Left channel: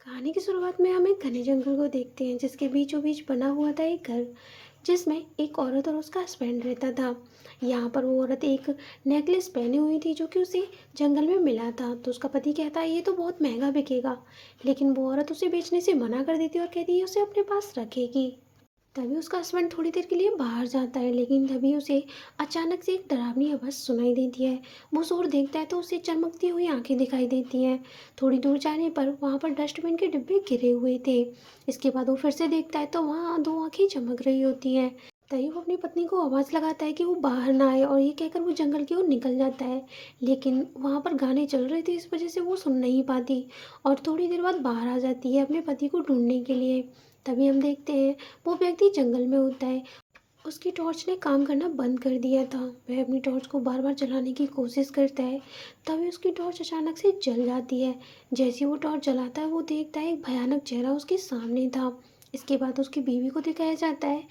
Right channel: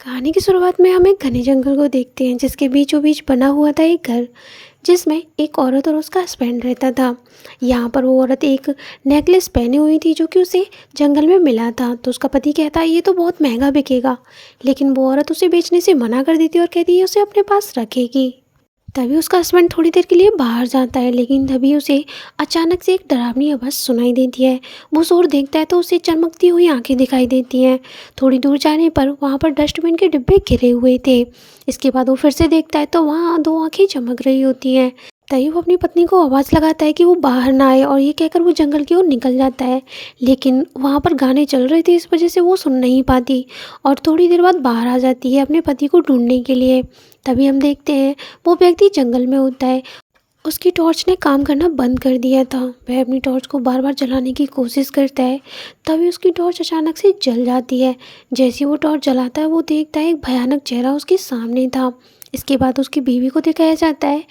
कहानी की शुरुआत में हम एक घने जंगल को देखते हैं जिसके बीचों बीच बना हुआ था एक घर जिसमें एक औरत और उसका हस्बैंड रहता था। यहाँ पर वो औरत एक नेकलेस पहनी हुई थी जो कि उसे जंगल में मिला था। तो उसका पति कहता है ये तो बहुत महंगा बिकेगा, लेकिन वो औरत उसे बेचने से मना कर देती है और कहती है उसे अपने पास रखेगी। तभी उसका हस्बैंड थोड़ी देर के लिए बाहर जाता है, लेकिन तभी उसे अचानक से एक डरावनी आवाज़ सुनाई देती है। वो शोर देखता है तो उसे चमकती हुई आंखें दिखाई देती हैं। थोड़ी दूर जाने पर वहाँ पर डस्टबिन के डिब्बे गिरे हुए थे। इसके बाद वो फिर से देखता है तो वहाँ दो आंखें चमक रही होती हैं। तभी वो अपनी पत्नी को आवाज़ लगाता है कि वो बाहर ना आए, और ये कहकर वो जंगल की ओर निकल जाता है। लेकिन वहाँ पर गाने चल रहे थे, इस वजह से वो सुन नहीं पाती और थोड़ी देर बाद बाहर आ जाती है अपने पति को ढूंढने के लिए। तभी हम देखते हैं वो व्यक्ति जंगल में होता है। उसकी टॉर्च ने काम करना बंद कर दिया था। वह अपनी टॉर्च को बार बार जलाने की कोशिश करता है। तभी उसकी टॉर्च अचानक से जल जाती है। जैसे ही वो टॉर्च जलाता है वो देखता है एक भयानक चेहरा उसके सामने था। इसके बाद उसकी बीवी को दिखाया जाता है।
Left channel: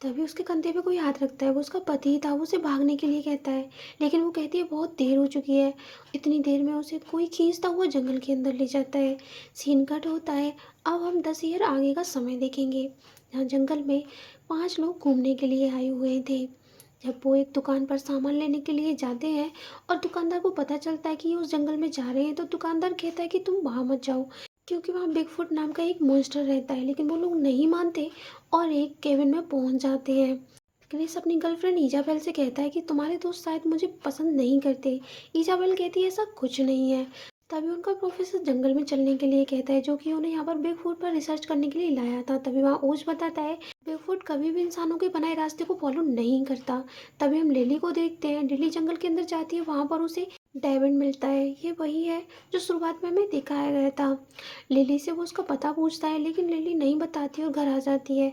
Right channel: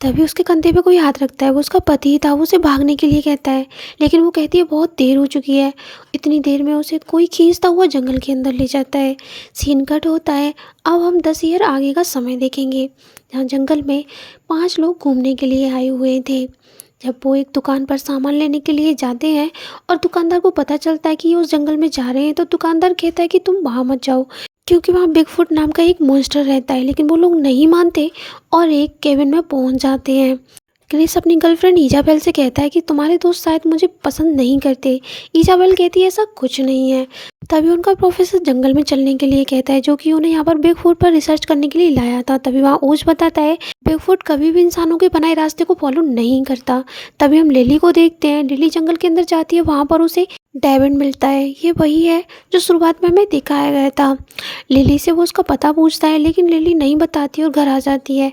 तभी उसके कंधे पे कोई हाथ रखता है। वो उसका पति था। वो उसे भागने के लिए कहता है, लेकिन वो कहती है बहुत देर हो चुकी है। इतनी देर में उसे कोई खींचता हुआ जंगल के अंदर ले जाता है। सीन कट होता है। अब हम 10 ईयर आगे का समय देखेंगे, जहाँ जंगल में 5 लोग घूमने के लिए आए हुए थे। जब वो एक दुकान पर सामान लेने के लिए जाते हैं और दुकानदार को पता चलता है कि ये उस जंगल में जा रहे हैं, तो दुकानदार कहता है कि तुम वहाँ मत जाओ, क्योंकि वहाँ बिगफुट नाम का एक मॉन्स्टर रहता है। लेकिन वो लोग नहीं मानते और एक केबिन में पहुँच जाते हैं। क्रिस अपनी गर्लफ्रेंड इजाबेल से कहता है कि तुम्हारे दोस्त शायद मुझे पसंद नहीं करते। इजाबेल कहती है ऐसा कुछ नहीं है। तभी उनका प्रोफेसर जंगल में चलने के लिए कहता है, जो कि उन्हें यहाँ पर बिगफुट पर रिसर्च करने के लिए लाया था। तभी वहाँ ओज बताता है बिगफुट कभी भी इंसानों के बनाए रास्ते को फॉलो नहीं करता। तभी हम लिली को देखते हैं। लिली जंगल के अंदर जाती है। वहाँ पर उसे डेविड मिलता है। ये वही है जो शुरुआत में हमें दिखाया गया था। लिली से वो उसका पता पूछता है, लेकिन लिली नहीं बताती और घर आ जाती है।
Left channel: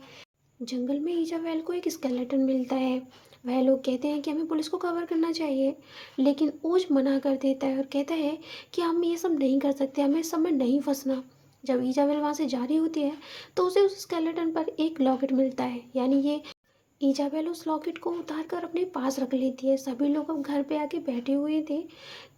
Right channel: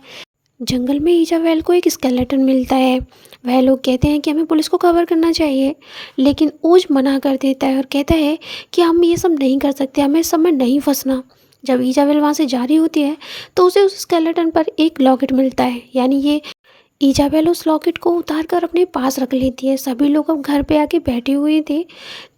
जंगल में इजाबेल को एक स्केलेटन मिलता है। वह लोग कहते हैं कि हमें पुलिस को खबर करना चाहिए, लेकिन ओज मना कर देता है और कहता है कि हम ये सब नहीं कर सकते, हमें इस सब में नहीं फंसना। जब इजाबेल वहाँ से जा रही होती है तो उसे उस स्केलेटन पर एक लॉकेट मिलता है, यानी ये इजाबेल उस लॉकेट को उतार कर अपने पास रख लेती है। सभी लोग अब घर पे आके बैठे हुए थे।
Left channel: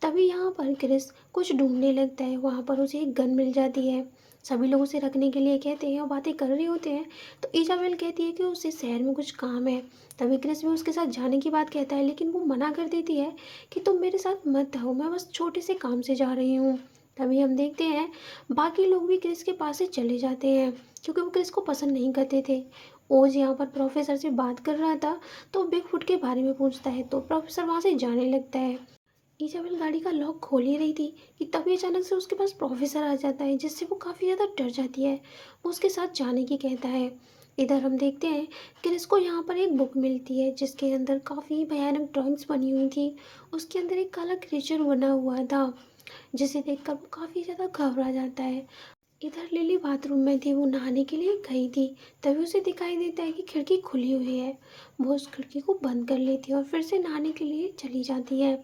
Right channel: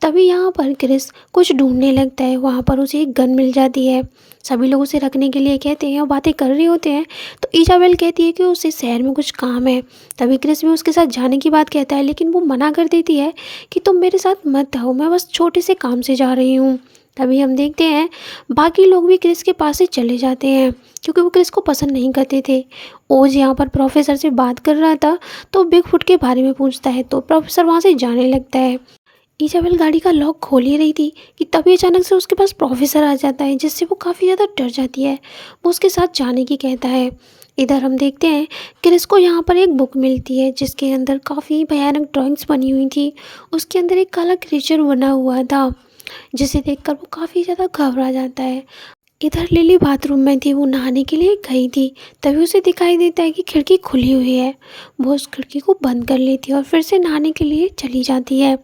तभी यहाँ पर क्रिस कुछ ढूंढने लगता है। वहाँ पर उसे एक गन मिल जाती है। सभी लोग उसे रखने के लिए कहते हैं और बातें कर रहे होते हैं। तो इजाबेल कहती है कि उसे शहर में कुछ काम है। तभी क्रिस भी उसके साथ जाने की बात कहता है, लेकिन वो मना कर देती है कि तुम मेरे साथ मत आओ, मैं बस छोटे से काम से जा रही हूँ। तभी हम देखते हैं बाकी लोग भी क्रिस के पास से चले जाते हैं, क्योंकि वो क्रिस को पसंद नहीं करते थे। ओज यहाँ पर प्रोफेसर से बात कर रहा था तो बिगफुट के बारे में पूछता है, तो प्रोफेसर वहाँ से जाने लगता है। इजाबेल गाड़ी का लॉक खोल ही रही थी कि तभी अचानक से उसके पास प्रोफेसर आ जाता है, जिससे वो काफ़ी ज़्यादा डर जाती है। वो उसके साथ जाने की कहता है। इधर हम देखते हैं क्रिस को यहाँ पर एक बुक मिलती है जिसके अंदर काफ़ी भयानक ड्राइंग्स बनी हुई थी। उसके अंदर एक काला क्रीचर बना हुआ था, जिसे देखकर वो काफ़ी ज़्यादा घबरा जाता है। इधर लिली बाथरूम में थी। वो नहाने के लिए गई थी। तभी उसे दिखाई देता है कि खिड़की खुली हुई है। वो उस खिड़की को बंद कर लेती है और फिर से नहाने के लिए चली जाती है।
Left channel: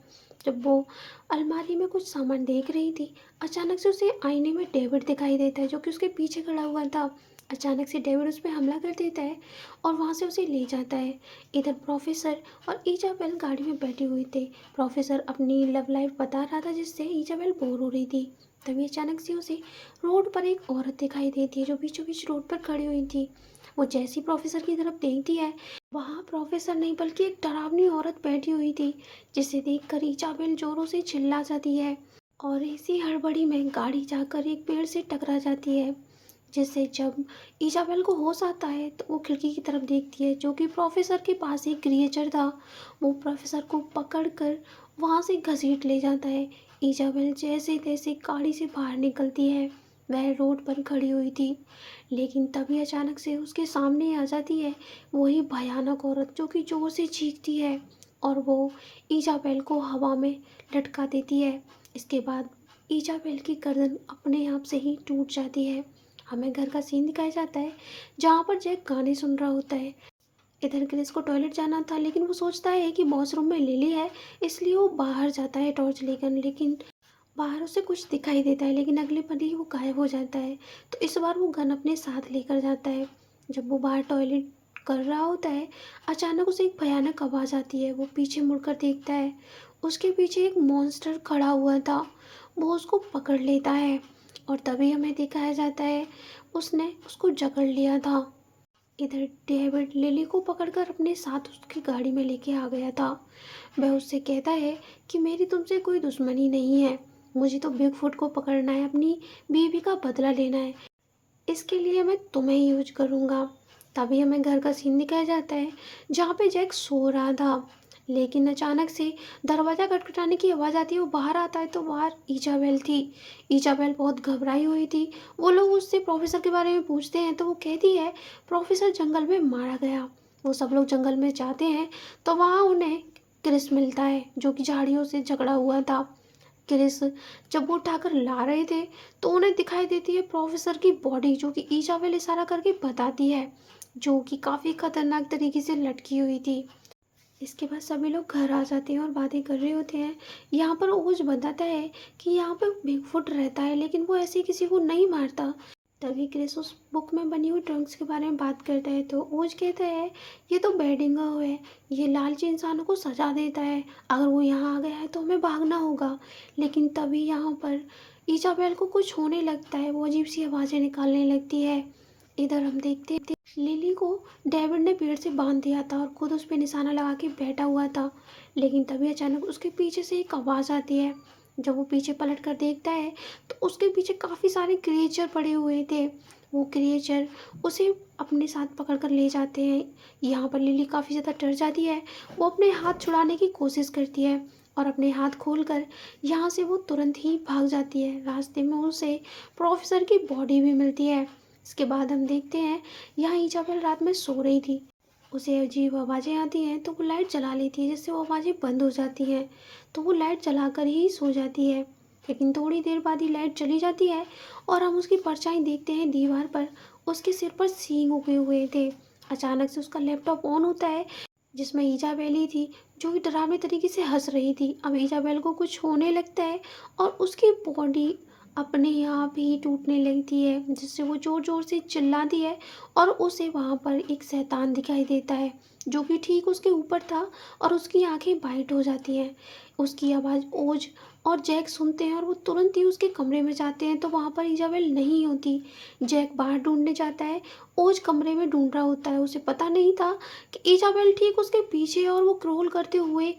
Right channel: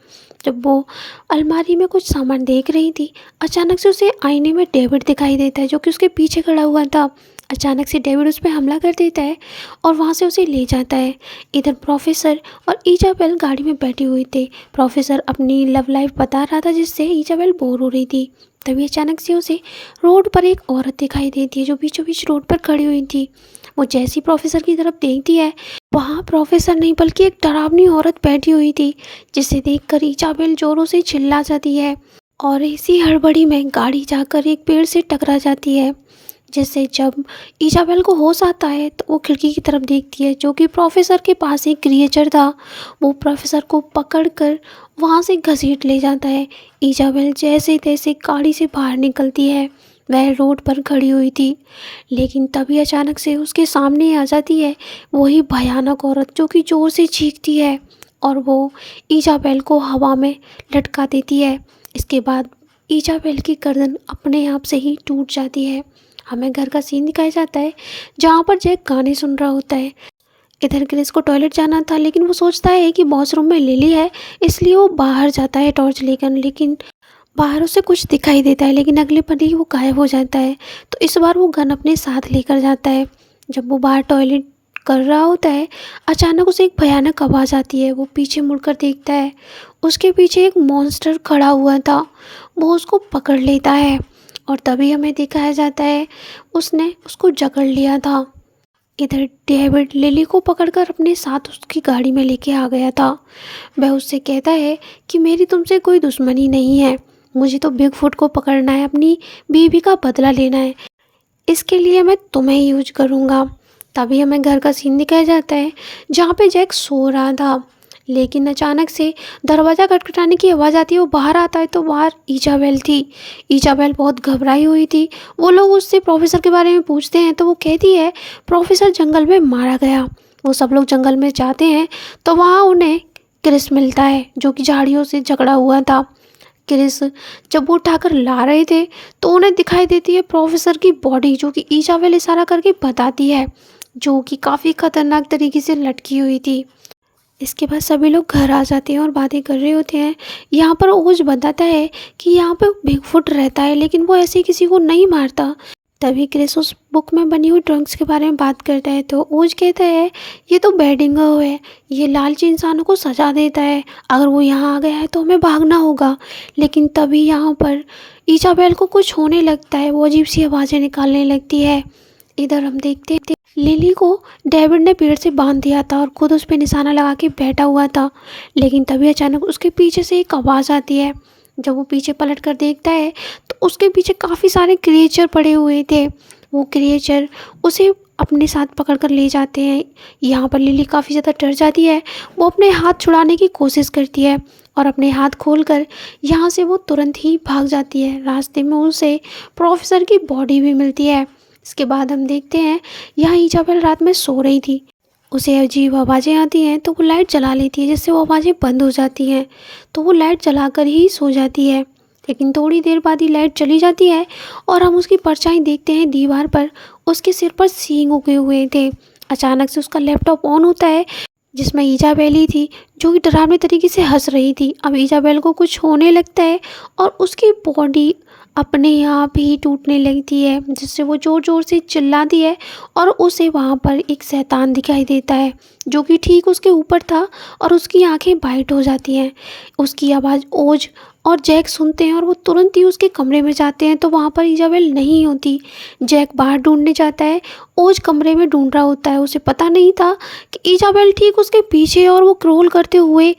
जब वो अलमारी में कुछ सामान देख रही थी, अचानक से उसे आईने में डेविड दिखाई देता है, जो कि उसके पीछे खड़ा हुआ था। अचानक से डेविड उस पर हमला कर देता है और वहाँ से उसे ले जाता है। इधर प्रोफेसर और इजाबेल गाड़ी में बैठी हुई थे। प्रोफेसर अपनी लव लाइफ बता रहा था, जिससे इजाबेल बोर हो रही थी। तभी अचानक से उसे रोड पर एक औरत दिखाई देती है, जो बीचों बीच रोड पर खड़ी हुई थी। वो जैसी प्रोफेसर की तरफ देखती है, वहाँ प्रोफेसर नहीं बल्कि एक डरावनी औरत बैठी हुई थी, जिसे देखकर इजाबेल जोरों से चिल्ला जाती है और इसी हड़बड़ी में गाड़ी जाकर एक पेड़ से टकरा जाती है। जिससे जब इजाबेल को होश आता है तो वो खिड़की की तरफ देखती है, जो कि प्रोफेसर के पास एक क्रिएचर था। वो प्रोफेसर को पकड़कर वहाँ से घसीट ले जाता है। इजाबेल जैसे तैसे गाड़ी से बाहर निकलती है। वह रोड पर खड़ी हुई थी, लेकिन तभी अचानक से उसके सामने आ जाती है वही भयानक औरत, जो कि ज़ोर से चीखती है और वो इजाबेल को हवा में लटका देती है। इसके बाद इजाबेल की गर्दन अपने आप से ही टूट जाती है। हमें घर का सीन दिखाया जाता है, जहाँ पर जैक गाने सुन रहा होता है। इधर क्रिस को टॉयलेट जाना था, लेकिन वो सोचता है कि वॉशरूम में लिली है, इसलिए वो बाहर जाता है टॉर्च लेकर। लेकिन बाहर उसे कुछ दिखाई देता है, लेकिन अगले पल ही वो गायब हो जाता है। तो इस बार वो गन अपने साथ लेकर जाता है। जब वो बाहर टॉयलेट कर रहा होता है, अचानक उसे एक भयानक आवाज़ आती है। वो पीछे मुड़कर देखता है, उसके पीछे एक मॉन्स्टर खड़ा हुआ था। वो उसको पकड़ लेता है और तभी हमें दिखाया जाता है उसने उसको जकड़ लिया था। इधर डेविड लिली को पकड़कर अपने साथ उसकी गाड़ी में लेके आ गया था। वह उससे कहता है कि मेरी तुमसे कोई दुश्मनी नहीं है, मुझे तो बिगफुट को पकड़ना है, अपनी बीवी का बदला लेना है, इसके लिए मैं तुम्हें ही यूज करूँगा। तभी हमें घर का सीन दिखाया जाता है जहाँ पे जैक सो रहा था, लेकिन अचानक से दरवाज़ा खटखटाने की आवाज़ आती है। वो बाहर आता है तो बाहर ईजाबेल थी। ईजाबेल बहुत घबराई हुई थी। वो लोग उससे प्रोफेसर के बारे में पूछते हैं तो वो कहती है प्रोफेसर जंगल में मारा गया। वो सब लोग जंगल में जाते हैं तो वहाँ उन्हें क्रिस मिलता है जो कि झाड़ियों से झगड़ा हुआ था। क्रिस जब वो उठाकर ला रहे थे तो उन्हें दिखाई देती है प्रोफेसर की बॉडी, जो कि ईजाबेल इशारा करके बताती है, जो कि काफ़ी खतरनाक तरीके से लटकी हुई थी। इसके बाद सभी लोग घर आ जाते हैं और बातें कर रहे होते हैं। यहाँ पर ओज बताता है कि यहाँ पे बिगफुट रहता है लेकिन वो ऐसे किसी को नहीं मारता। तभी क्रिस उस बुक में बनी हुई ड्रग्स के बारे में बात करता है तो ओज कहता है ये तो बेडिंगो है, ये लालची इंसानों को सजा देता है, अगर वो यहाँ आ गया है तो हमें भागना होगा। लेकिन तभी यहाँ पर इजाबेल को कुछ होने लगता है, वो अजीब सी आवाज़ें निकालने लगती है। इधर हम देखते हैं लिली को डेविड ने पेड़ से बांध दिया था और खुद उस पर निशाना लगा के बैठा हुआ था। लेकिन तभी अचानक उसके पीछे से एक आवाज़ आती है। जब वो पीछे पलट कर देखता है तो उसके पीछे काफ़ी सारे क्रिएचर पड़े हुए थे। वो क्रिएचर उसे अपने साथ पकड़ कर ले जाते हैं। यहाँ पर लिली काफ़ी ज़्यादा डर जाती है। वो अपने हाथ छुड़ाने की कोशिश करती है और अपने हाथ खोलकर यहाँ से वो तुरंत ही भाग जाती है। रास्ते में उसे प्रोफेसर की बॉडी भी मिलती है। इसके बाद हम देखते हैं यहाँ इजाबेल रात में सो रही थी, उसे अजीब आवाज़ें आती हैं तो वो लाइट जला लेती है जिससे वो आवाज़ें बंद हो जाती हैं। तो वो लाइट जलाकर ही सो जाती है। लेकिन थोड़ी देर बाद ही लाइट चली जाती है और हम उसकी परछाई देखते हैं दीवार पर। उसके सिर पर सींग उगे हुए थे। अचानक से उसका लैपटॉप ऑन होता है जिसमें इजाबेल ही थी जो कि डरावने तरीके से हंस रही थी। अब इजाबेल को कुछ होने लगता है और उसकी बॉडी अपने आप ही टूटने लगती है जिससे वो ज़ोर ज़ोर से चिल्लाती है और उसे वहाँ पर एक शैतान दिखाई देता है जो कि ठीक उसके ऊपर था और उसकी आंखें वाइट हो जाती हैं। उसकी आवाज़ ओज और जैक सुनते हैं और वो तुरंत ही उसके कमरे में जाते हैं तो वहाँ पर इजाबेल नहीं होती। जैक बाहर ढूंढने जाता है, ओज कमरे में ढूंढ रहा होता है। उसे पता नहीं था कि इजाबेल ठीक उसके पीछे है और वो क्रोल करते हुए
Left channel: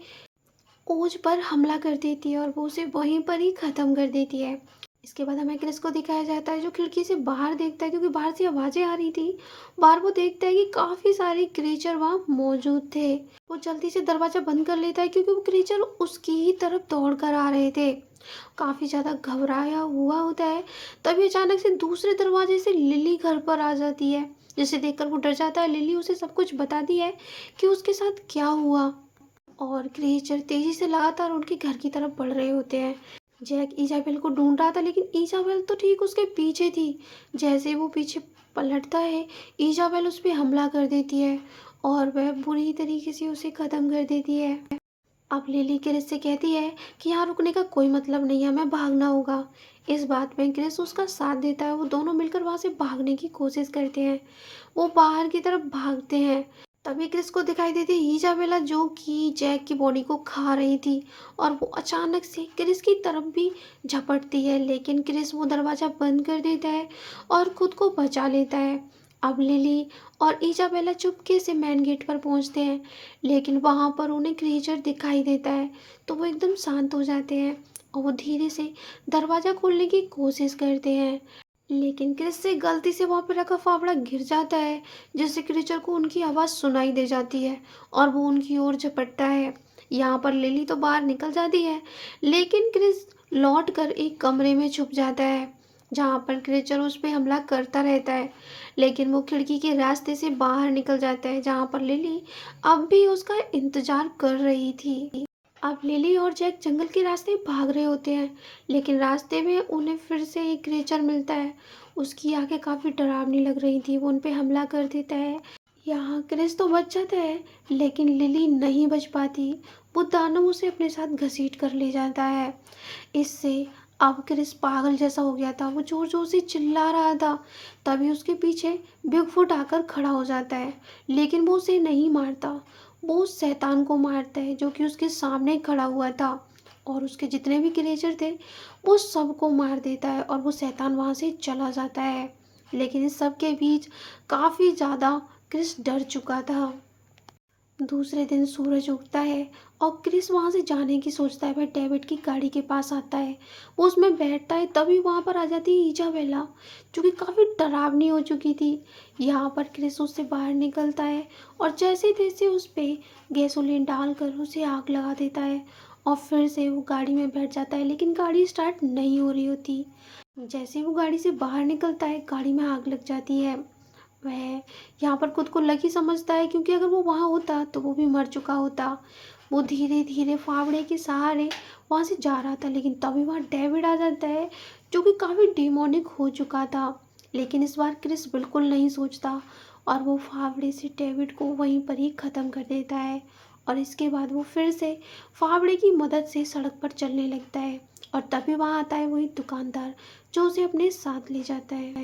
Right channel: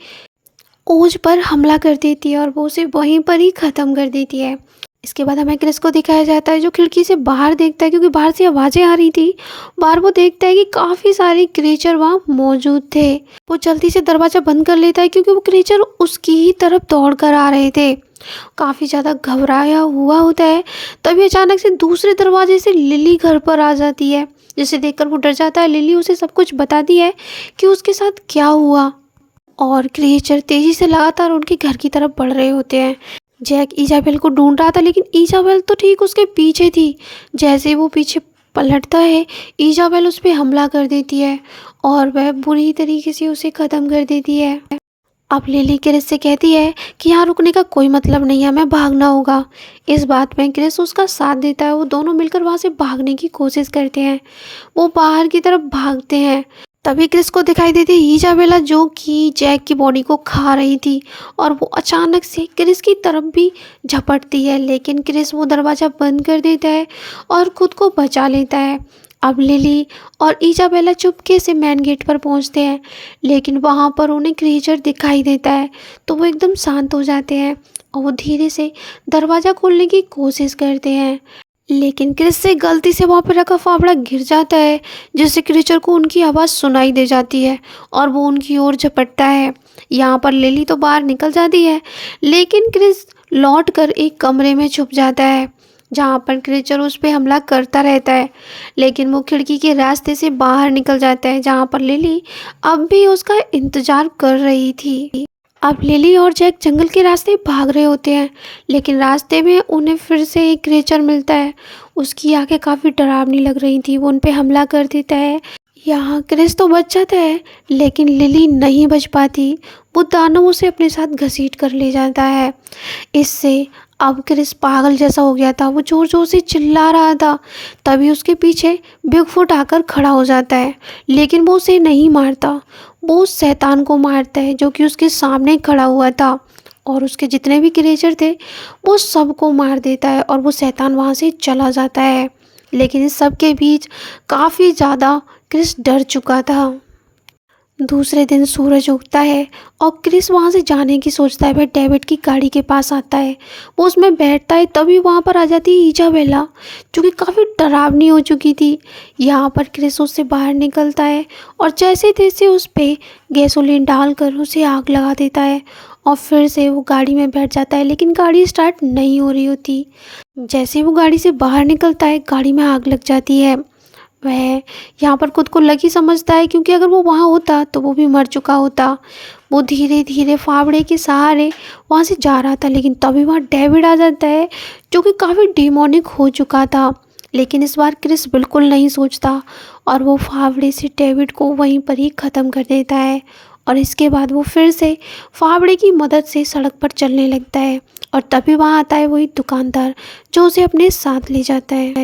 ओज पर हमला कर देती है और वो उसे वहीं पर ही ख़त्म कर देती है। इसके बाद हमें क्रिस को दिखाया जाता है जो खिड़की से बाहर देखता है क्योंकि बाहर से आवाज़ें आ रही थी। बाहर वो देखता है कि काफ़ी सारे क्रिएचर वहाँ मौजूद थे। वो जल्दी से दरवाज़ा बंद कर लेता है क्योंकि वो क्रिएचर उसकी ही तरफ दौड़ कर आ रहे थे। काफ़ी ज़्यादा घबराया हुआ होता है। तभी अचानक से दूसरे दरवाजे से लिली घर पर आ जाती है जिसे देखकर वो डर जाता है। लिली उसे सब कुछ बताती है कि उसके साथ क्या हुआ और क्रिएचर तेज़ी से लगातार उनके घर की तरफ बढ़ रहे होते हैं। जैक इजाबेल को ढूंढ रहा था लेकिन इजाबेल तो ठीक उसके पीछे थी। जैसे वो पीछे पलटता है इजाबेल उस पर हमला कर देती है और वह बुरी तरीके से उसे ख़त्म कर देती है। अब लिली क्रिस से कहती है कि यहाँ रुकने का कोई मतलब नहीं है, हमें भागना होगा। इस बात में क्रिस उसका साथ देता है। वो दोनों मिलकर वहाँ से भागने की कोशिश करते हैं। वो बाहर की तरफ भागते हैं। तभी क्रिस को दिखाई देती है इजाबेला जो कि जैक की बॉडी को खा रही थी और वो अचानक से क्रिस की तरफ भी झपटती है। लेकिन क्रिस वो दरवाज़ा बंद कर देता है और खुद को बचा लेता है। अब लिली और इजाबेला चुपके से मेन गेट पर पहुंचते हैं लेकिन वहां पर उन्हें क्रीचर दिखाई देता है तो वो एकदम शांत हो जाते हैं और वो धीरे से दरवाज़ा खोलने की कोशिश करते हैं। लेकिन क्रिस से गलती से वहाँ पर रखा फावड़ा गिर जाता है जिससे क्रीचर को उनकी आवाज़ सुनाई दे जाती है और वो उनकी ओर झपटता है। यहाँ पर लिली तो बाहर निकल जाती है लेकिन क्रिस लौट कर एक कमरे में छुप जाता है जहाँ पर क्रीचर उस पर हमला करता रहता है। लेकिन वो खिड़की के रास्ते से बाहर निकल जाता है जहाँ पर लिली अब भी उसका इंतज़ार कर रही थी। अब लिली और जैक जंगल के रास्ते भाग रहे होते हैं लेकिन रास्ते में उन्हें फिर से एक क्रीचर मिलता है। उसकी आंखें काफ़ी डरावनी लग रही थी। वो उन पे हमला कर देता है। यहाँ क्रिस तो बच जाता है लेकिन लिली नहीं बच पाती। वो दानव उसे अपने साथ घसीट कर ले जाता है। इससे अब क्रिस पागल जैसा हो गया था। वो ज़ोर ज़ोर से चिल्ला रहा था। तभी उसके पीछे बिगफुट आकर खड़ा हो जाता है लेकिन वो उसे नहीं मारता। वो उस शैतान को मारता है जो कि उसके सामने खड़ा हुआ था और उसके जितने भी क्रिएचर थे वो सबको मार देता है और वो शैतान वहाँ से चला जाता है। लेकिन इस सब के बीच काफ़ी ज़्यादा क्रिस डर चुका था। दूसरे दिन सूरज उगता है और क्रिस वहाँ से जाने की सोचता है। वह डेविड की गाड़ी के पास आता है, वो उसमें बैठता है, तभी वहाँ पर आ जाती है इजाबेला, जो कि काफ़ी डरावनी हो चुकी थी। यहाँ पर क्रिस उससे बाहर निकलता है और जैसे तैसे उस पे गैसोलीन डालकर उसे आग लगा देता है और फिर से वो गाड़ी में बैठ जाता है, लेकिन गाड़ी स्टार्ट नहीं हो रही होती। जैसे वो गाड़ी से बाहर निकलता है, गाड़ी में आग लग जाती है। वह यहाँ पर खुद को लकी समझता है, क्योंकि अगर वो वहाँ होता तो वो भी मर चुका होता। वो धीरे धीरे फावड़े के सहारे वहाँ से जा रहा था, लेकिन तभी वहाँ डेविड आ जाता है, जो कि काफ़ी डिमोनिक हो चुका था। लेकिन इस बार क्रिस बिल्कुल नहीं सोचता और वो फावड़े से डेविड को वहीं पर ही ख़त्म कर देता है। और इसके बाद वो फिर से फावड़े की मदद से सड़क पर चलने लगता है और तभी वहाँ आता है वही दुकानदार, जो उसे अपने साथ ले जाता है।